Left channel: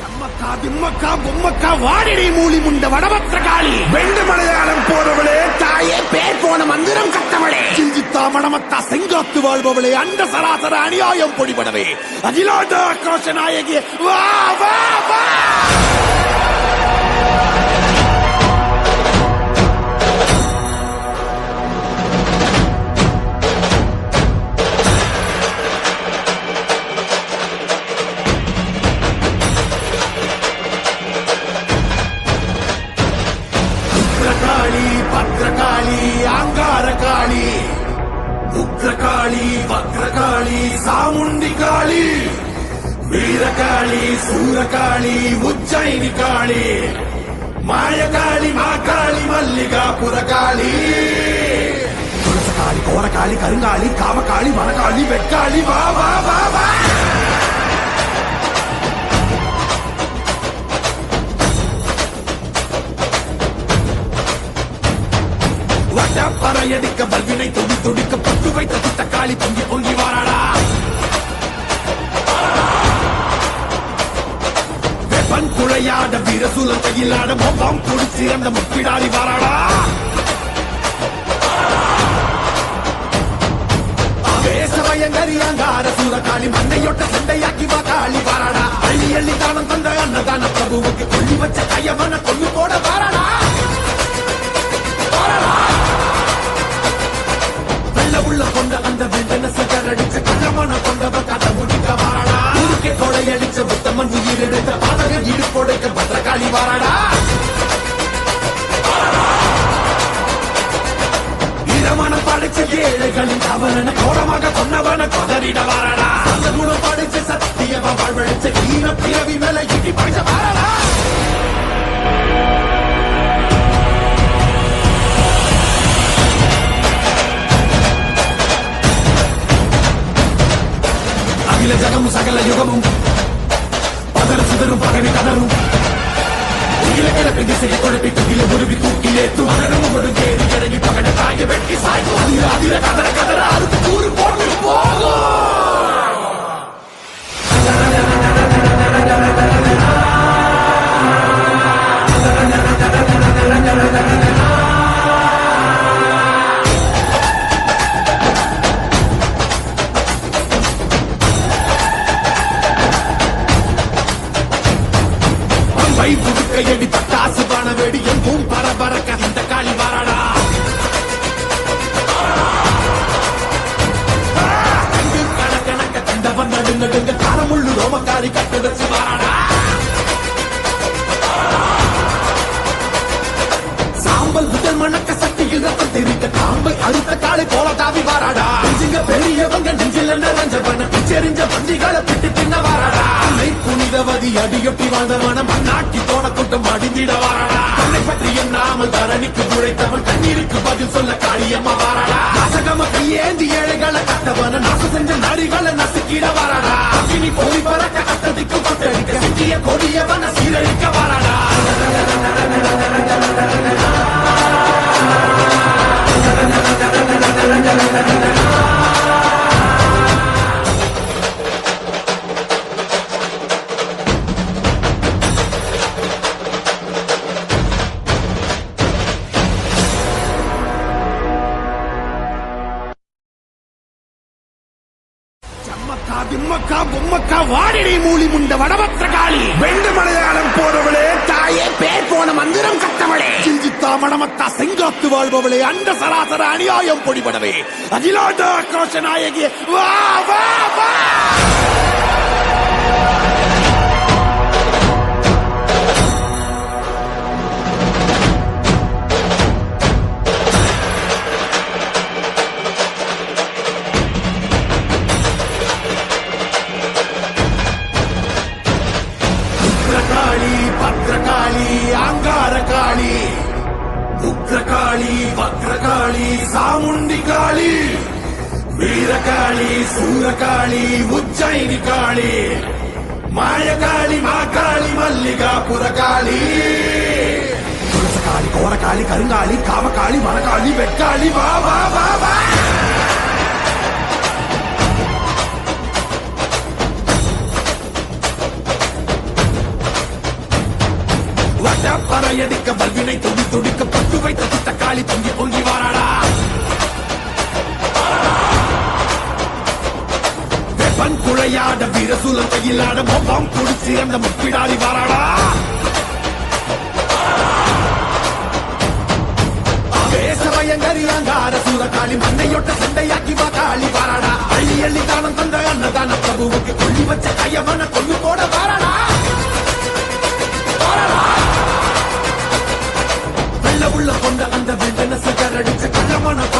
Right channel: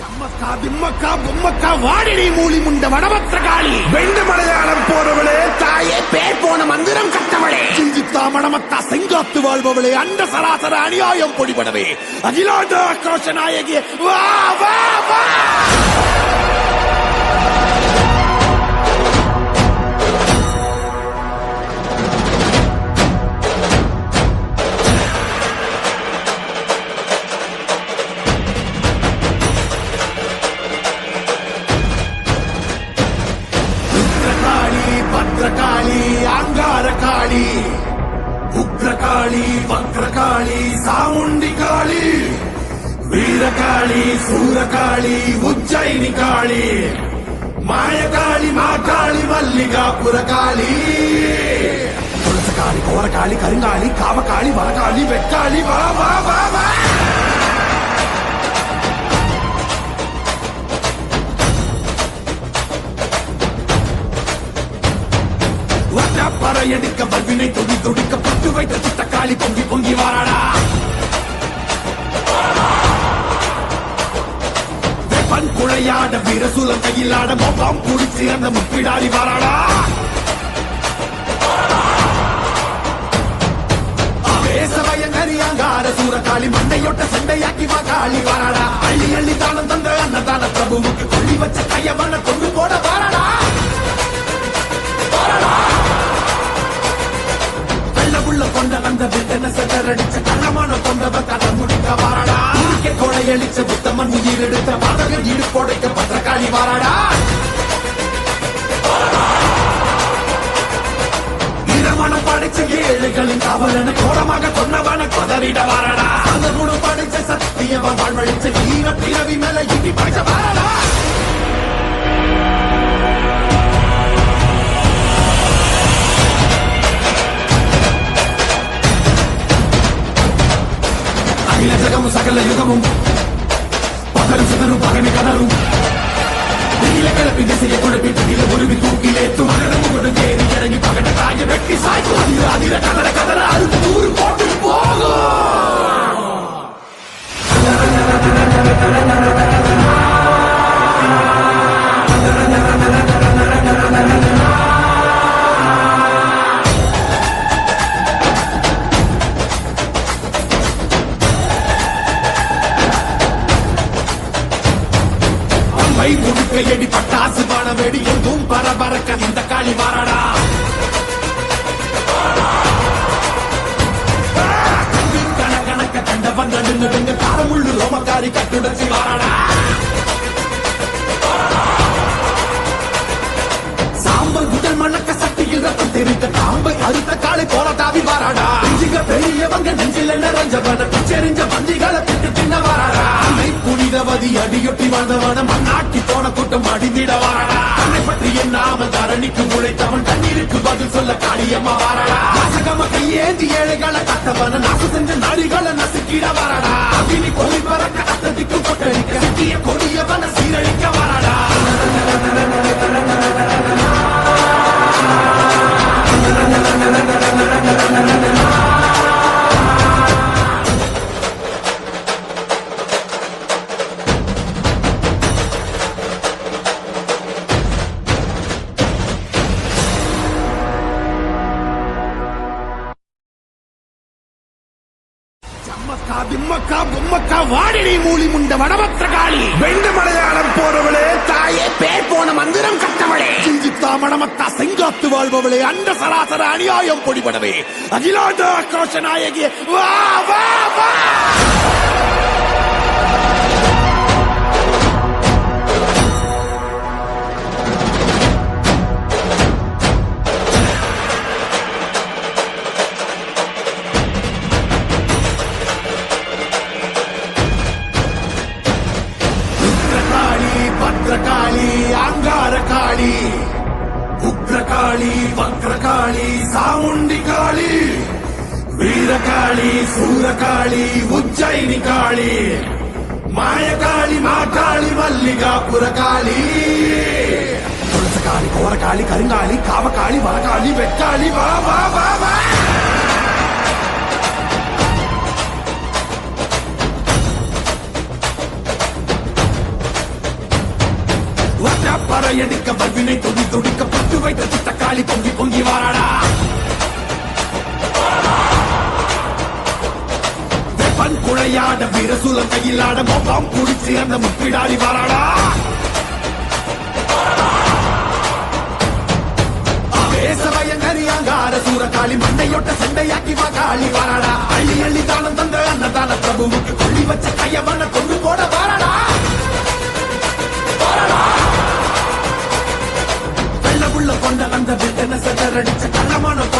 அம்மக்கா திம்மக்கா பொம்மக்கா வாடிடி மூலி முண்ட வடபத்திர காளி வெண்டு மலையாளம் போறவளே தாயே பேர் போன மந்திரம் கட்டவளே கிஞ்சித்தா மணமத்தா செங்காத்து வாழ்பவளே அண்ட சராசர அநியாயம் பொடிபடவே அகிலாண்ட ஆக்ரோஷ நாயகி வா வா வா காளி பத்ரகாளி அங்கார காளி உக்ரகாளி வக்ரகாளி சாமுண்டி காளி வீரகாளி சூரகாளி உஜ்ஜயினி காளி மாயகாளி மாகாளி மல்லிகாபுர காளி துளசகாளி கோரகாளி கருங்காளி காமகாளி மரகாளி வெக்காளி வா வா வா வா பறையடிக்க பல்வினை தொடி தொடிக்க பட்டு வைத்த சுத்தக்காளி பொங்கி பொங்கி வாராடா வெப்பன் குழையாட வீரசூலம் கையிலாட மொப்பம் குடிச்சு அந்த முப்பிடாடி வாராடா வேசவயங்கரியாங்கார சூரகாளி மண்டையொட்ட செண்டையாக்கி வா காளி வாராடா அள்ளி அள்ளி தானம் தந்த அன்னதான பிரபுவுக்கு கொள்ளி வச்ச கையவன கொண்டு போட வாராடா வாராடா உள்ள கொண்ட அந்த வேதனை செதறடிச்ச கள்ளமான கொண்டவ கதை முதிக்க வாராடா உருக்கி கொடையடிச்ச புத்தமம் உயிர் எடுத்த பாதக இடுப்போடைக்க பத்திரகாளி வாராடா ஈரமனம் படிச்ச ஏழுகளின் அவன கோரமாக கொன்னவன கொதறிட வாராடா அந்த குணம் படிச்ச சத்தியவ வாழ்வழிச்ச ஈன பிறவி மேல இடி பாய்ச்ச வாராடா அகில ஜகமும் சகல யுகமும் பதறு சுதரும் பகைமை கதரும் நீல கிழக்கு திசையை குழப்பி புதிய முருகி தூக்கிலேத்தும் அகனமும் ஏறி இறங்கி பகட காய வெட்டி சாய்க்கும் அதிர அதிர கதற கதற அறுத்து நூறு போட்டு போகும் கை புடுக்கையடி பட்டாசு பானவேடி எங்கும் பரபரக்க இந்த காளி வாராடா கங்கு கணக்கணக்க கண்டவன் நடு நடுங்க காரமுள்ளு ரோமக்காரி கட்டுடைச்சு வாராடா சாம்பல் முதல் மணக்க சக்தியில் ரத்தம் தெரிந்த காம்பை அறுத்த காலை போல தாவி வாராடா நெஞ்சுங்க பெரியவங்க நெஞ்சில் நிறைஞ்சவன பிச்செறிஞ்ச மந்திகளை பிட்டு தின்ன வாராடா புனிதவதி அடியொட்டி வாழ்ந்தவன மண்ணாக்கி போன கூட்டம் அடிந்திட வாராடா தன்னை பற்றி எண்ணாமல் தரணிக்கு உழைத்தவன் கண்ணீருக்கு பதில் சொல்ல காளியம்மா வாராடா நாசகம கையேந்தி ஏழைகளை கட்டவன நாசு செஞ்ச நாடிகளை நசுக்கிட வாராடா அகினி கோரி பறக்க அக்கதிக்கு கொட்டடிக்க சிக்கிய கொடியவன சீரழிக்க வாராடா அம்மக்கா திம்மக்கா பொம்மக்கா வாடிடி மூலி முண்ட வடபத்திர காளி வெண்டு மலையாளம் போறவளே தாயே பேர் போன மந்திரம் கட்டவளே கிஞ்சித்தா மணமத்தா செங்காத்து வாழ்பவளே அண்ட சராசர அநியாயம் பொடிபடவே அகிலாண்ட ஆக்ரோஷ நாயகி வா வா வா காளி பத்ரகாளி அங்கார காளி உக்ரகாளி வக்ரகாளி சாமுண்டி காளி வீரகாளி சூரகாளி உஜ்ஜயினி காளி மாயகாளி மாகாளி மல்லிகாபுர காளி துளசகாளி கோரகாளி கருங்காளி காமகாளி மரகாளி வெக்காளி வா வா வா வா பறையடிக்க பல்வினை தொடி தொடிக்க பட்டு வைத்த சித்தக்காளி பொங்கி பொங்கி வாராடா வெப்பன் குழையாட வீரசூலம் கையிலாட மொப்பாம் குடிச்சு அந்த முப்பிடாடி வாராடா வேசவயங்கரியாங்கார சூரகாளி மண்டையொட்ட சண்டையாக்கி காளி வாராடா அள்ளி அள்ளி தானம் தந்த அன்னதான பிரபுவுக்கு கொள்ளி வச்ச கையவன கொண்டு போட வாராடா வெள்ள உள்ள கொண்ட அந்த வில்டன சதறடிச்ச கள்ளமான கொண்ட